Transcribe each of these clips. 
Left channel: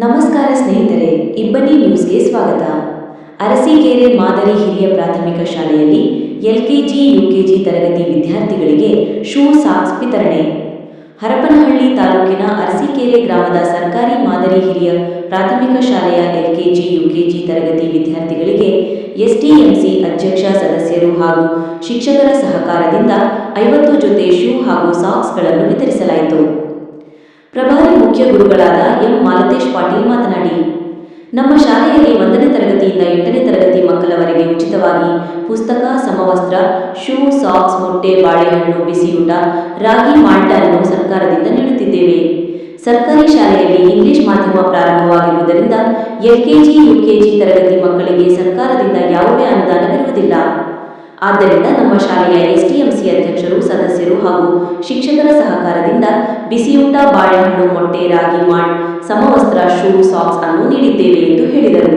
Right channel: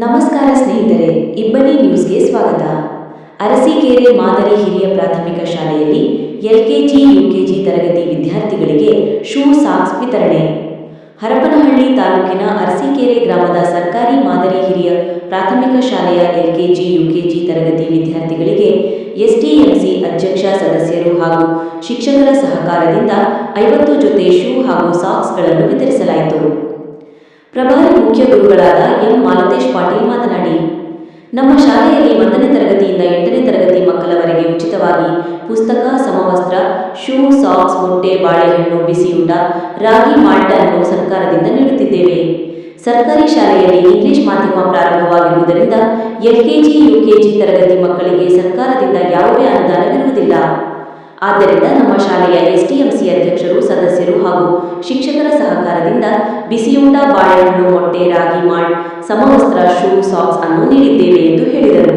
ನಮಸ್ಕಾರ ಸ್ನೇಹಿತರೆ, ಇಬ್ಬನಿ ನ್ಯೂಸ್ಗೆ ಸ್ವಾಗತ. ಅರಸೀಕೆರೆ ಮಾದರಿ ಹಿರಿಯ ಪ್ರಾಥಮಿಕ ಶಾಲೆಯಲ್ಲಿ ಎಲ್ಕೆಜಿ, ಯುಕೆಜಿ ತರಗತಿ ವಿದ್ಯಾರ್ಥಿಗಳಿಗೆ ಶೂ ಸಾಕ್ಸ್ ವಿತರಣೆ. ಹರಪನಹಳ್ಳಿ ತಾಲೂಕಿನ ಅರಸೀಕೆರೆ ಗ್ರಾಮದ ಸರ್ಕಾರಿ ಮಾದರಿ ಹಿರಿಯ ಪ್ರಾಥಮಿಕ ಶಾಲೆಯ ಎಲ್ಕೆಜಿ, ಯುಕೆಜಿ ತರಗತಿ ವಿದ್ಯಾರ್ಥಿಗಳಿಗೆ ಎಸ್ಟಿಎಂಸಿ ಅಧ್ಯಕ್ಷ ಸದಸ್ಯರು ಹಾಗೂ ಶಿಕ್ಷಕರ ಸಹಕಾರದಿಂದ ಐವತ್ತು ಜೊತೆ ಶೂ ಹಾಗೂ ಸಾಕ್ಸ್ಗಳನ್ನು ವಿತರಿಸಲಾಯಿತು. ಪ್ರಭಾರಿ ಮುಖ್ಯ ಗುರುಗಳಾದ ಎಂ ಮಾಲತೇಶ್ ಪಾಟೀಲ್ ಮಾತನಾಡಿ, ನಮ್ಮ ಶಾಲೆಯಲ್ಲಿ ಒಂದನೇ ತರಗತಿಯಿಂದ ಎಂಟನೇ ತರಗತಿ ಮಕ್ಕಳವರೆಗೆ ಉಚಿತವಾಗಿ ಪುಸ್ತಕ, ಸಮವಸ್ತ್ರ, ಶೂ, ಸಾಕ್ಸ್, ಮೊಟ್ಟೆ, ಬಾಳೆಹಣ್ಣು, ಬಿಸಿಯೂಟ, ರಾಗಿ, ಮಾಲ್ಟ ಅನ್ನು ಸರ್ಕಾರದಿಂದ ನೀಡುತ್ತಿದ್ದೇವೆ. ಸರ್ಕಾರಿ ಶಾಲೆಯಲ್ಲಿ ಇಂಗ್ಲಿಷ್ ಮಾಧ್ಯಮ ಪ್ರಾರಂಭವಾಗಿರುವುದರಿಂದ ಎಲ್ಕೆಜಿ, ಯುಕೆಜಿ ತರಗತಿ ಮಕ್ಕಳಿಗೆ ಸರ್ಕಾರದಿಂದ ಯಾವುದೇ ಅನುದಾನವಿರುವುದಿಲ್ಲ. ಆದ್ದರಿಂದ ನಮ್ಮ ಶಾಲೆಯ ಎಸ್ಟಿಎಂಸಿ ಅಧ್ಯಕ್ಷರು, ಸದಸ್ಯರು ಹಾಗೂ ಶಿಕ್ಷಕರ ಸಹಕಾರದಿಂದ ಬಿಸಿಯೂಟ, ಬಾಳೆಹಣ್ಣು, ಮೊಟ್ಟೆ, ರಾಗಿ ಮಾಲ್ಟ್ ಸಮವಸ್ತ್ರ, ಶೂ, ಸಾಕ್ಸ್ ಅನ್ನು ನೀಡಿದ್ದೇವೆ ಎಂದು ಹೇಳಿದರು.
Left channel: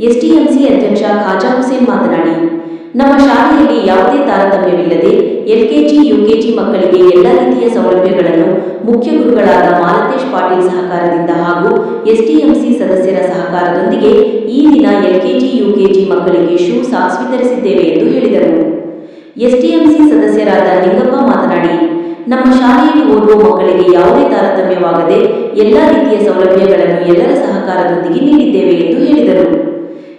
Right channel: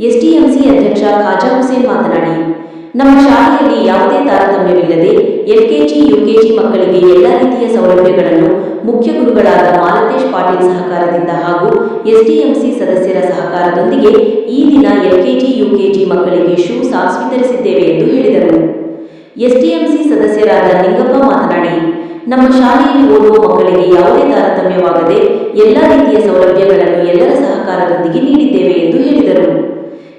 ಎಸ್ಟಿಎಂಸಿ ಅಧ್ಯಕ್ಷ ಖಾಜಾ ಹುಸೇನ್ ಮಾತನಾಡಿ ನಮ್ಮ ಶಾಲೆಯಲ್ಲಿ ಯಾವುದೇ ತಾರತಮ್ಯವಿಲ್ಲದೆ ಎಲ್ಕೆಜಿ, ಯುಕೆಜಿ ಮಕ್ಕಳಿಗೆ ಎಲ್ಲ ರೀತಿಯ ಸೌಲಭ್ಯಗಳನ್ನು ಮುಖ್ಯ ಗುರುಗಳಾದ ಮಾಲತೇಶ್ ಪಾಟೀಲ್ ಸಹಕಾರದಿಂದ ಹಾಗೂ ಎಸ್ಡಿಎಂಸಿ ಸದಸ್ಯರ ಸಹಕಾರದೊಂದಿಗೆ ಈ ದಿನ ಎಲ್ಕೆಜಿ, ಯುಕೆಜಿ ಮಕ್ಕಳಿಗೆ ಶೂ ಸಾಕ್ಸ್ ವಿತರಿಸಿದ್ದೇವೆ ಎಂದು ಹೇಳಿದರು. ಎಸ್ಡಿಎಂಸಿ ಸದಸ್ಯರಾದ ನಿಂಗಪ್ಪ ಮಾತನಾಡಿ, ನಮ್ಮ ಶಾಲೆಯಲ್ಲಿ ಓದುವ ಮಕ್ಕಳಿಗೆ ಯಾವುದೇ ತಾರತಮ್ಯವಾಗದೆ ಎಲ್ಲ ರೀತಿಯ ಸೌಲಭ್ಯಗಳನ್ನು ಎಲ್ಲರ ಸಹಕಾರದೊಂದಿಗೆ ನೀಡಿದ್ದೇವೆ ಎಂದು ಹೇಳಿದರು.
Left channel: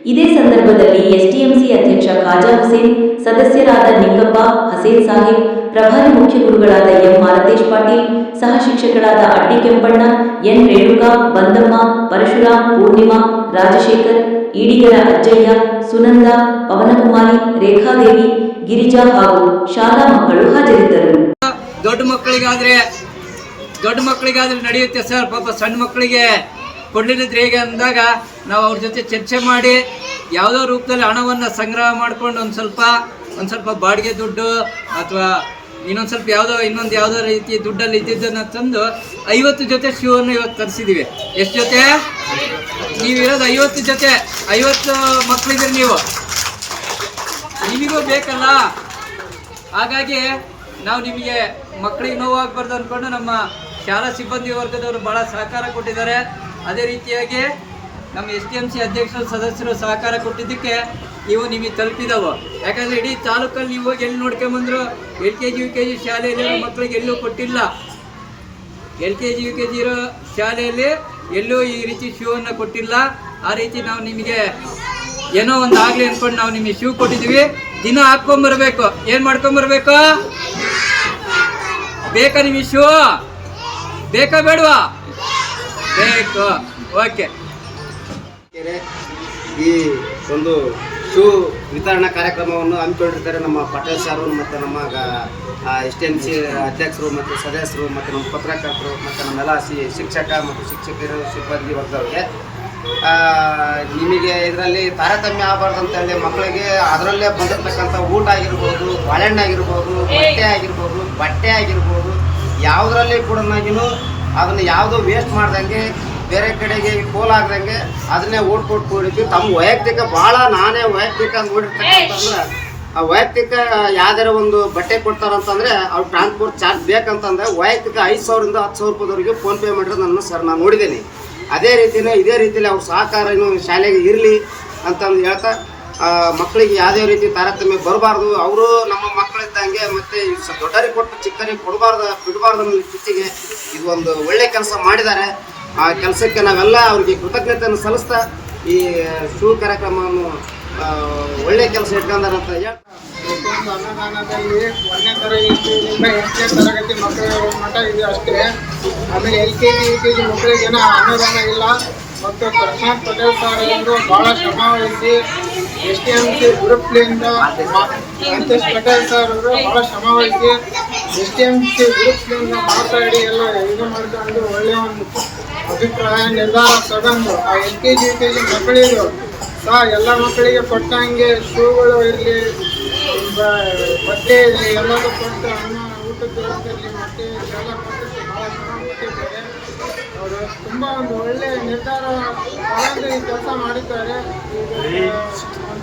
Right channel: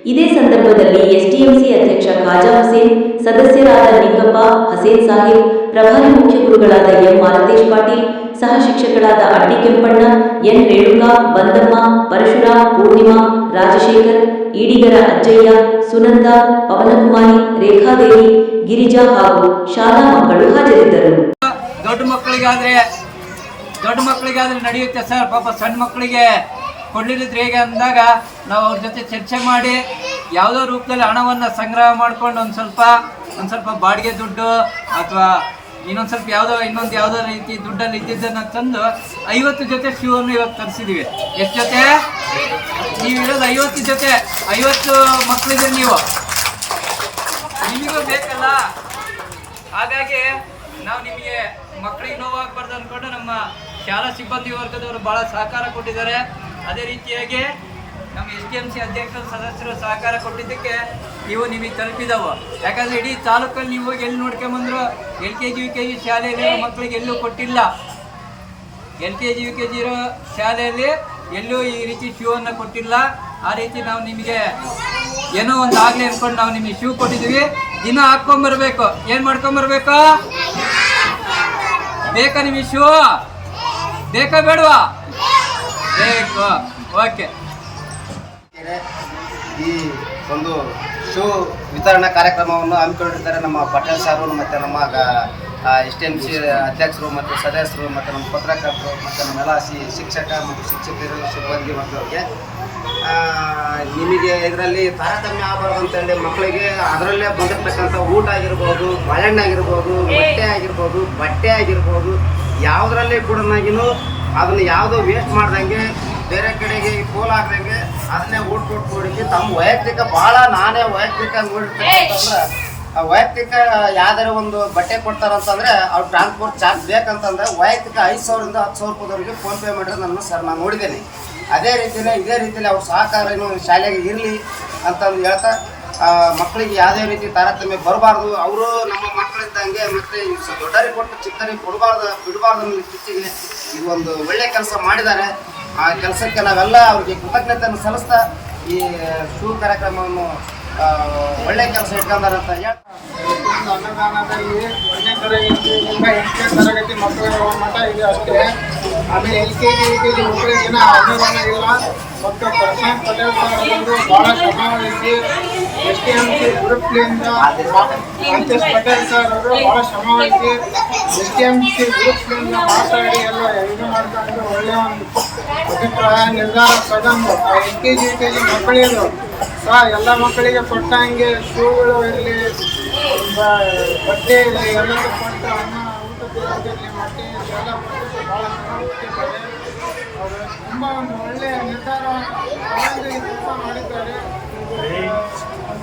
ಇದೇ ಸಂದರ್ಭದಲ್ಲಿ ಎಸ್ಡಿಎಂಸಿ ಅಧ್ಯಕ್ಷ ಖಾಜಾ ಹುಸೇನ್, ಸದಸ್ಯರಾದ ನಿಂಗಪ್ಪ, ಹಸೇನ್ ಸಾಹೇಬ್, ಪ್ರಭಾರಿ ಮುಖ್ಯ ಗುರುಗಳಾದ ಎಂ ಮಾಲತೇಶ್ ಪಾಟೀಲ್, ಸಹ ಶಿಕ್ಷಕರಾದ ಅಡ್ಡಿ ಕೆಂಪಣ್ಣ, ಎನ್ ರೇಣುಕಾ, ಬಂದಮ್ಮ ಪರಶುರಾಮ್ ಪೂರ್ಣಿಮಾ, ರಾಜಶೇಖರ್, ಈಡಿಗರ ಅಜ್ಜಯ್ಯ, ಸುನಂದ, ಪವನಕುಮಾರಿ, ರೇಖಾದೇವಿ, ಗಿರಿಜಾ ಹಾಗೂ ಶಾಲಾ ಮಕ್ಕಳು ಹಾಜರಿದ್ದರು. ದೊಡ್ಡ ಮಕ್ಕಳಿಗಾದ್ರೆ ದೊಡ್ಡ ಮಕ್ಕಳಿಗಾದ್ರೆ ನಡೆಯುತ್ತೆ ಸರ್. ಪಾಪ ಸಣ್ಣ ಮಕ್ಕಳಿಗೆ ಕೊಡ್ಲಿಲ್ಲದ್ರೆ ಹೇಗೆ ಅಂದಾಗ ನಾವು ಅವ್ರ ಜೊತೆ ಚರ್ಚೆ ಮಾಡಿ ಯಾವುದೋ ರೂಪದಲ್ಲಿ ಹಣವನ್ನು ಸಂಗ್ರಹ ಮಾಡ್ಕೊಂಡು ಒಂದು ಸ್ವಲ್ಪ ಒಂದು ಸ್ವಲ್ಪ ಬಾಡಿಗೆ ದುಡ್ಡು ಅಥವಾ ಇನ್ನೊಂದು ಸ್ವಲ್ಪ ಯಾವುದೋ, ಇನ್ನೊಂದು ಯಾವುದೋ ರೀತಿ ದುಡ್ಡಲ್ಲಿ ಇದ್ದಿದ್ದನ್ನು ತಂದು ಐವತ್ತು ಜೊತೆ ಶೂವನ್ನು ಇವತ್ತು ತರಿಸಿದ್ದೀವಿ ಎಷ್ಟು ಜೊತೆ? ನೀವಿರೋದು ಐವತ್ತು ಜೊತೆ. ಐವತ್ತು ಮಕ್ಕಳಿದ್ರೆ ನೀವು. ನಿಮಗೂ ಬೇಕಲ್ಲ? ಹಾಗಾಗಿ ನಾವು ನಿಮಗೆ ಮಕ್ಕಳಿಗೆ ನೋವಾಗಬಾರ್ದು ಅಂದ್ಕೊಂಡು ನಮ್ಮ ಶಾಲಾ ಸಿಬ್ಬಂದಿ ವರ್ಗದವರು ಭಾಳ ಸಹಕಾರ ಕೊಟ್ಟಿದ್ದಾರೆ. ಅದೇ ರೀತಿಯಾಗಿ ನಮ್ಮ ಎಸ್ ಡಿ ಎಂ ಸಿ ಅಧ್ಯಕ್ಷರು, ಸದಸ್ಯರು ಸಹಕಾರ ಕೊಟ್ಟಿದ್ದಕ್ಕೆ ನೀವು ನಿಮಗೆ ತಲುಪಿದವು. ಯಾಕಂದರೆ ಇಡೀ ತಾಲೂಕಲ್ಲಿ ನೀವು ಹೋಗಿ ಎಲ್ಲಿ ನೋಡ್ಕೊಂಬಂದ್ರು L K G, U K G ಶಾಲೆಯಲ್ಲಿ ಮಕ್ಕಳಿಗೆ ಎಲ್ಲೂ ಕೊಟ್ಟಿಲ್ಲ. L K G, U K G ಇರೋ ಶಾಲೆಯಲ್ಲಿ ಎಲ್ಲೂ ಈ ರೀತಿ ಶೂ ಅನ್ನು ಕೊಟ್ಟಿಲ್ಲ. ಆ ರೀತಿ ನಾವು ನಿಮಗೆ ಏನೋ ಒಂದು ಆಗಲಿ ಅಂದ್ಕೊಂಡು ನಾವು ನಿಮಗೆ ಶೂ ಕೊಟ್ಟಿದ್ದೀವಿ. ದಿನ ಹಾಕ್ಕೊಂಬರ್ಬೇಕು. ಏನು ಮಾಡ್ಕೊಂಬರ್ಬೇಕು? ಬೇಕಾ ನಿಮಗೆ ಶೂ? ಬೇಕಾ ಬೇಡವಾ? ಬೇಕು. ಓಕೆ ಈ ಒಂದು ಶೂ ವಿತರಣಾ ಕಾರ್ಯಕ್ರಮವನ್ನು ಹಮ್ಮಿಕೊಂಡಿರ್ತಾರೆ ನಮ್ಮ ಪಟೇಲ್ ಸಾರು ಮತ್ತು ನಮ್ಮ ಎಸ್ ಎಂ ಸಿ ಅಧ್ಯಕ್ಷರು ಮತ್ತು ಸದಸ್ಯರು ಮತ್ತು ನಮ್ಮ ಪತ್ರಕರ್ತರು ಮತ್ತು ನಮ್ಮೆಲ್ಲ ಸಿ ಶಿಕ್ಷಕ ಮತ್ತು ಶಿಕ್ಷಕರು ಸಿಬ್ಬಂದಿ ವರ್ಗದವರಿಗೆ. ಆ, ನಿಮಗೆ ಇದರಲ್ಲಿ ತಾರತಮ್ಯ ಆಗಬಾರ್ದು ಅಂತೇಳಿ ಮಕ್ಕಳಿಗೆ ಅದರಲ್ಲೇ ಬಂದಿರತಕ್ಕಂಥ ಊಟ ಆಗಿರ್ಬೋದು ಬಾಳೆಹಣ್ಣು ಆಗಿರ್ಬೋದು ಮೊಟ್ಟೆ ಆಗಿರ್ಬೋದು ಬಟ್ಟೆ ಆಗಿರ್ಬೋದು ಯಾವುದರಲ್ಲಿ ಕೂಡ ಅದನ್ನು ಯಾವುದೋ ವೇಸ್ಟ್ ಮಾಡ್ದಂಗೆ, ಬೇರೆ ಕಡೆಗೆ ಪೋಲ್ ಆಗ್ದಂಗೆ ಅದನ್ನೇ ಊಟ ಕೊಟ್ಟು ಕೊಡಿದ್ವಿ ತಮ್ಮ ವೈಯಕ್ತಿಕ ಭಾಳ ನಾನೇ ವೈಯಕ್ತಿಕ ನೋಡಿರ್ತಕ್ಕಂತಂದ್ರೆ ಆ ವೈಯಕ್ತಿಕ ಯಾವ್ದಾರ ಒಂದು ಬಟ್ಟೆ ಕೊಡ್ತಾರಂತಂದ್ರೆ ಅವ್ರು ಟ್ರಾನ್ಸ್ಪೋರ್ಟ್ ಚಾರ್ಜ್ ಬೇಕಂತಂದ್ರೆ ವೈಯಕ್ತಿಕ ಐದು ಸಾವಿರದಿಂದ ಹತ್ತು ಸಾವಿರ ಫೋನ್ ಫೋನ್ಪೇ ಮಾಡಿದ್ರೆ ನಾನು ಸರ್ ನಾನು ನೋಡಿದ್ದೇನೆ. ಅದೇ ರೀತಿಯೇ ಇದೇ ರೀತಿಯಲ್ಲಿ ಅವ್ರ ಸಹಕಾರ ಏನು ಶಾಲೆಗೆ ಇರಲಿ ಅಂತಂದು ಹೇಳ್ತಾ ಮಕ್ಕಳಿಗೆ ಯಾವುದೇ ರೀತಿ ತಾರತಮ್ಯ ಬರಬಾರ್ದು. ಅವರು ನಮ್ಮ ಮಕ್ಕಳಿದ್ದಂಗೆ ಮತ್ತೆ ದೊಡ್ಡರಿಗೆ ಕೊಟ್ಟು ಚಿಕ್ಕರಿಗೆ ಕೊಡಬಾರ್ದು, ಬಿಡಬಾರ್ದು ಅನ್ನೋ ಸ್ಥಿತಿಗೆ ಇದು ಒಂದು ಒಳ್ಳೆ ಕೆಲಸ ಮಾಡಿದ್ದಾರೆ. ಆ ಕೆಲಸಕ್ಕೆ ನಾವೆಲ್ಲ ಅವ್ರಿಗೆ ಕೃತಜ್ಞತೆಯನ್ನು ಸಲ್ಲಿಸ್ತಾ ಈ ಶೂ ಕಾರ್ಯಕ್ರಮವನ್ನು ಒಳ್ಳೆ ಕೆಲಸ ಇಟ್ಕೊಂಡಾರ ಅಂತ ಪ್ರತಿಯೊಂದು ಅನ್ನದಾನದಲ್ಲಿ ಒಂದನೇ ತರಗತಿಯಿಂದ ಎಂಟನೇ ತರಗತಿ ಮಕ್ಕಳ ಮಠ ಇದೆ ಅಷ್ಟೇ. ಆಮೇಲೆ L K G U K G ಮಕ್ಕಳಿಗೆ ಏನೋ ಅನ್ನದಾನ ಇಲ್ಲ. ಮತ್ತು ಪ್ರಶಾಂತ್ ಪಟೇಲ್ ಸರ್ ಅವರು ಭಾಳ ಶ್ರಮ ವಹಿಸಿ ಎಸ್ ಟಿ ಎಂ ಸಿ ಗ್ರೂಪ್ನಿಂದ ಸರ್ ಅವರು ಭಾಳ ಶ್ರಮ ವಹಿಸಿ ಎಸ್ ಟಿ ಸಿ ಗ್ರೂಪ್ನಿಂದ ಮಾತಾಡಿ ಎಲ್ಲ ಇದು ಮಾಡ್ಕೊಂಡು ಒಳ್ಳೆಯ ಒಂದು ಅಭಿಪ್ರಾಯ ನಿರ್ಧಾರ ತಗೊಂಡು ಆ ಎಲ್ ಕೆ ಜಿ ಎಲ್ಲ ಮಕ್ಕಳಿಗೆ ಕೊಟ್ಟಂಗೆ ಶೂಗಳು ಇರಲಿ ಬಟ್ಟೆ ಇರಲಿ ಎಲ್ಲರೂ ಕೊಟ್ಟು ಅನ್ನ, ಊಟದ ಇರಲಿ ಮೊಟ್ಟೆ ಇರಲಿ ಎಲ್ಲ ಕೊಟ್ಟು ಭಾಳ ಚೆನ್ನಾಗಿ ಅವರು ತುಂಬ ಒಂದು ಒಳ್ಳೆಯ ನಿರ್ಧಾರ ಕೆಲಸ ಮಾಡಿದ್ದಾರೆ.